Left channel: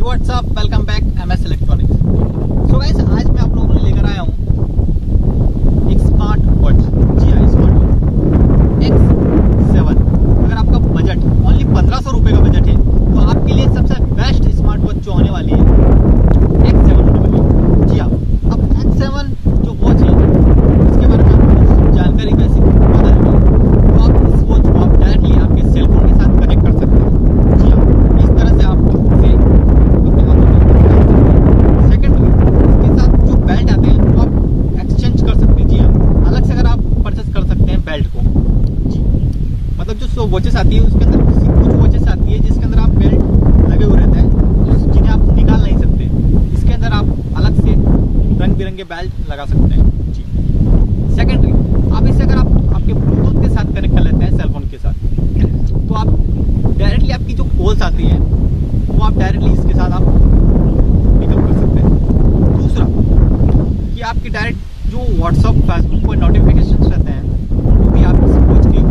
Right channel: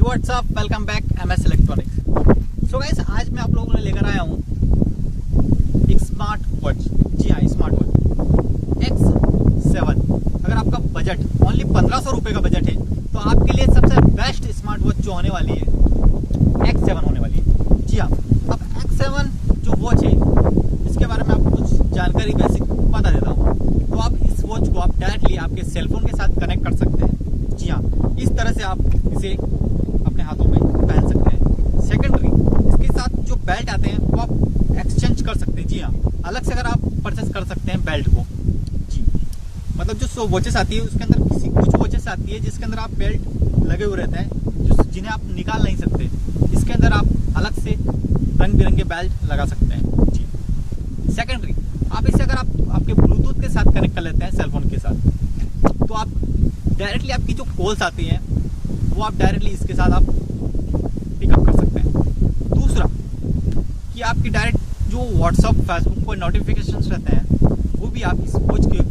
WhatsApp, welcome back M.S.Electronics। So guys, आज मैं आप लोगों को लेकर आया हूँ एक स्मार्ट वॉच। जी हाँ, स्मार्ट वॉच X7। अगर आपका बजट ओनली 1500 रुपये का बजट है तो आपके लिए सबसे बेस्ट स्मार्ट वॉच जो होने वाली है X7 होने वाली है। जी हाँ, अब X7 जो वॉच है इसके बारे में आपको कुछ जानकारी बेसिक बता देता हूँ। तो आप इस वॉच को आप डायरेक्टली आपके सेलफोन के साथ कनेक्ट कर सकते हैं। जी हाँ, इस तरह से आप इसे अपने हाथों में पहन सकते हैं। सेकेंडरी, इसके साथ जो बेल्ट आते हैं वो आप एक्सचेंज कर सकते हैं। जी हाँ, अलग से अगर आप परचेस कर सकते हैं बेल्ट को। जी, मतलब जो वॉचेस आती है उसके अंदर कुछ वॉचेस आती है जिसके अंदर आप बेल्ट लगे हुए रहते हैं जिन्हें आप निकाल नहीं सकते। इसके अंदर आप अलग से रंग बिरंगे बेल्ट लगा सकते हैं। जी, सेकेंडरी, आप इसे अगर आप आपके ब्लूटूथ के साथ कनेक्ट कर लेते हैं सेलफोन के साथ तो आप डायरेक्टली आपकी जो कॉल्स आती हैं वो आप डायरेक्टली इसके साथ आप पिकअप कर सकते हैं। दूसरा कि आपकी डायरेक्ट जो व्हाट्सअप, फेसबुक पर नोटिफिकेशन रहते हैं वो भी आप इस वॉच के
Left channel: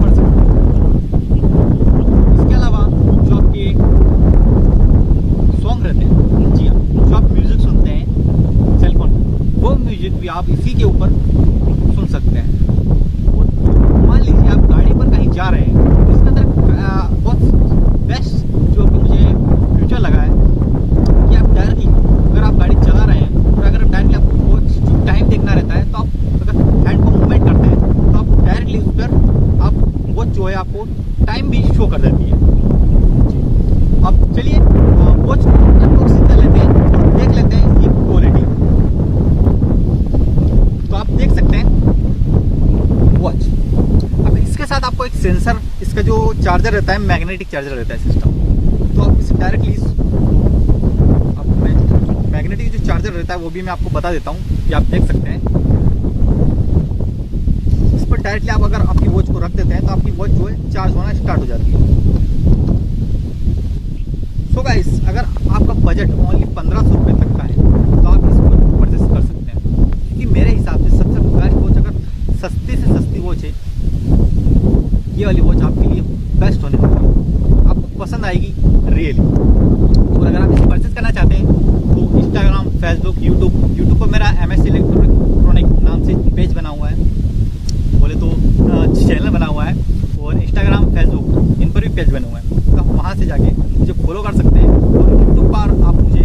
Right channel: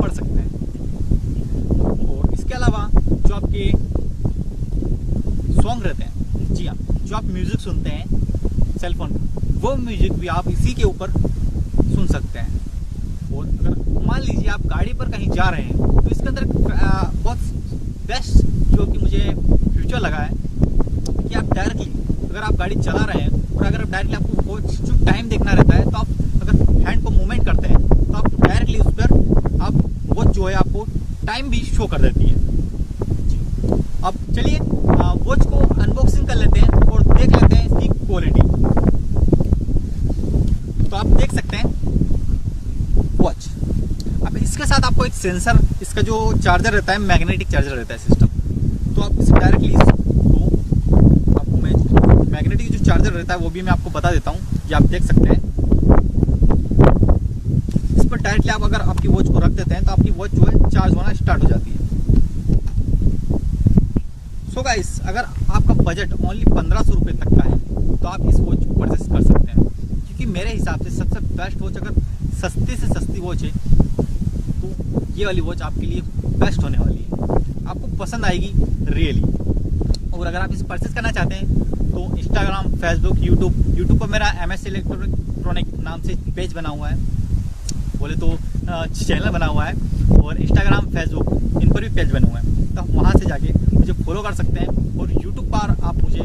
पढ़ सकते हैं। इसके अलावा जो आपके सॉन्ग रहते हैं, जी हाँ, जो आप म्यूजिक सुनते हैं सेलफोन में, वो म्यूजिक भी आप इसी के ऊपर सुन सकते हैं। और मान लीजिए आप गाड़ी पर कहीं जा रहे हैं तो इसके अंदर बहुत बेस्ट जो कि मुझे फ्यूचर लगा है कि आप डायरेक्टली अगर आप गाड़ी चला रहे हैं और अगर डायरेक्टली आपको वॉच जो टाइम देखना रहता है तो आप अगर हैंड को मूवमेंट करते हैं तो आप डायरेक्टली उस पर आप वॉच जो है आपको टाइम भी शो कर देती है। अब चलिए वॉच को अनबॉक्सिंग कर लेते हैं और देख लेते हैं इसकी क्वालिटी। तो आप देख सकते हैं वॉच। अब इसके साथ आपको एक सेंसर, इसका जो चार्जर रहता है मैग्नेटिक चार्जर रहता है सिस्टम, तो आप इसे डायरेक्टली मैग्नेटिक जो चार्जर रहता है वो भी मैं आपको बता देता हूँ कि आप देख सकते हैं। इस पर डायरेक्टली आप अगर आपकी वॉच को रख देते हैं तो आपकी वॉच जो है चार्ज होना स्टार्ट हो जाती है। सो गाइस, अगर आपका बजट ओनली 1500 रुपये तक का है तो आप इस वॉच को परचेस कर सकते हैं, क्योंकि मेरे हिसाब से सबसे बेस्ट वॉच, अगर सस्ती से सस्ती वॉच है, ये वाली वॉच आपके लिए बेस्ट होने वाली है। आपको पसंद आएगी रियली। और अगर आप इसे परचेस करना चाहते हैं तो इंस्टाग्राम, फेसबुक, यूट्यूब पर मेरा M.S.Electronics नाम से पेज बना हुआ है, बोले तो चैनल बना हुआ है, और इंस्टाग्राम, फेसबुक इन पर भी पेज बने हुए हैं। तो वहाँ से जाके मुझे फॉलो कर सकते हैं और यूट्यूब पर आप मुझे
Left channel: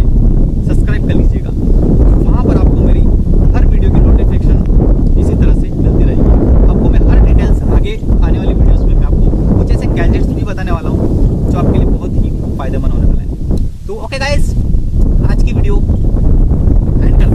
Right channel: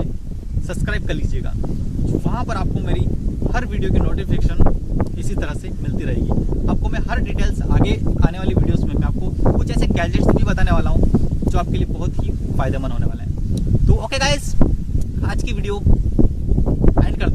सब्सक्राइब कर लीजिएगा। वहाँ पर आपको मेरी हर वीडियो की नोटिफिकेशन इसी तरह से मिलती रहेगी। आपको मैं हर डिटेल्स आगे आने वाली वीडियोस में मैं आपको कुछ ऐसे गैजेट्स भी बताने वाला हूँ जो आपके लिए बहुत ही फायदेमंद होने वाला है। तो ओके गाइस, आज की वीडियो एंड करते हैं।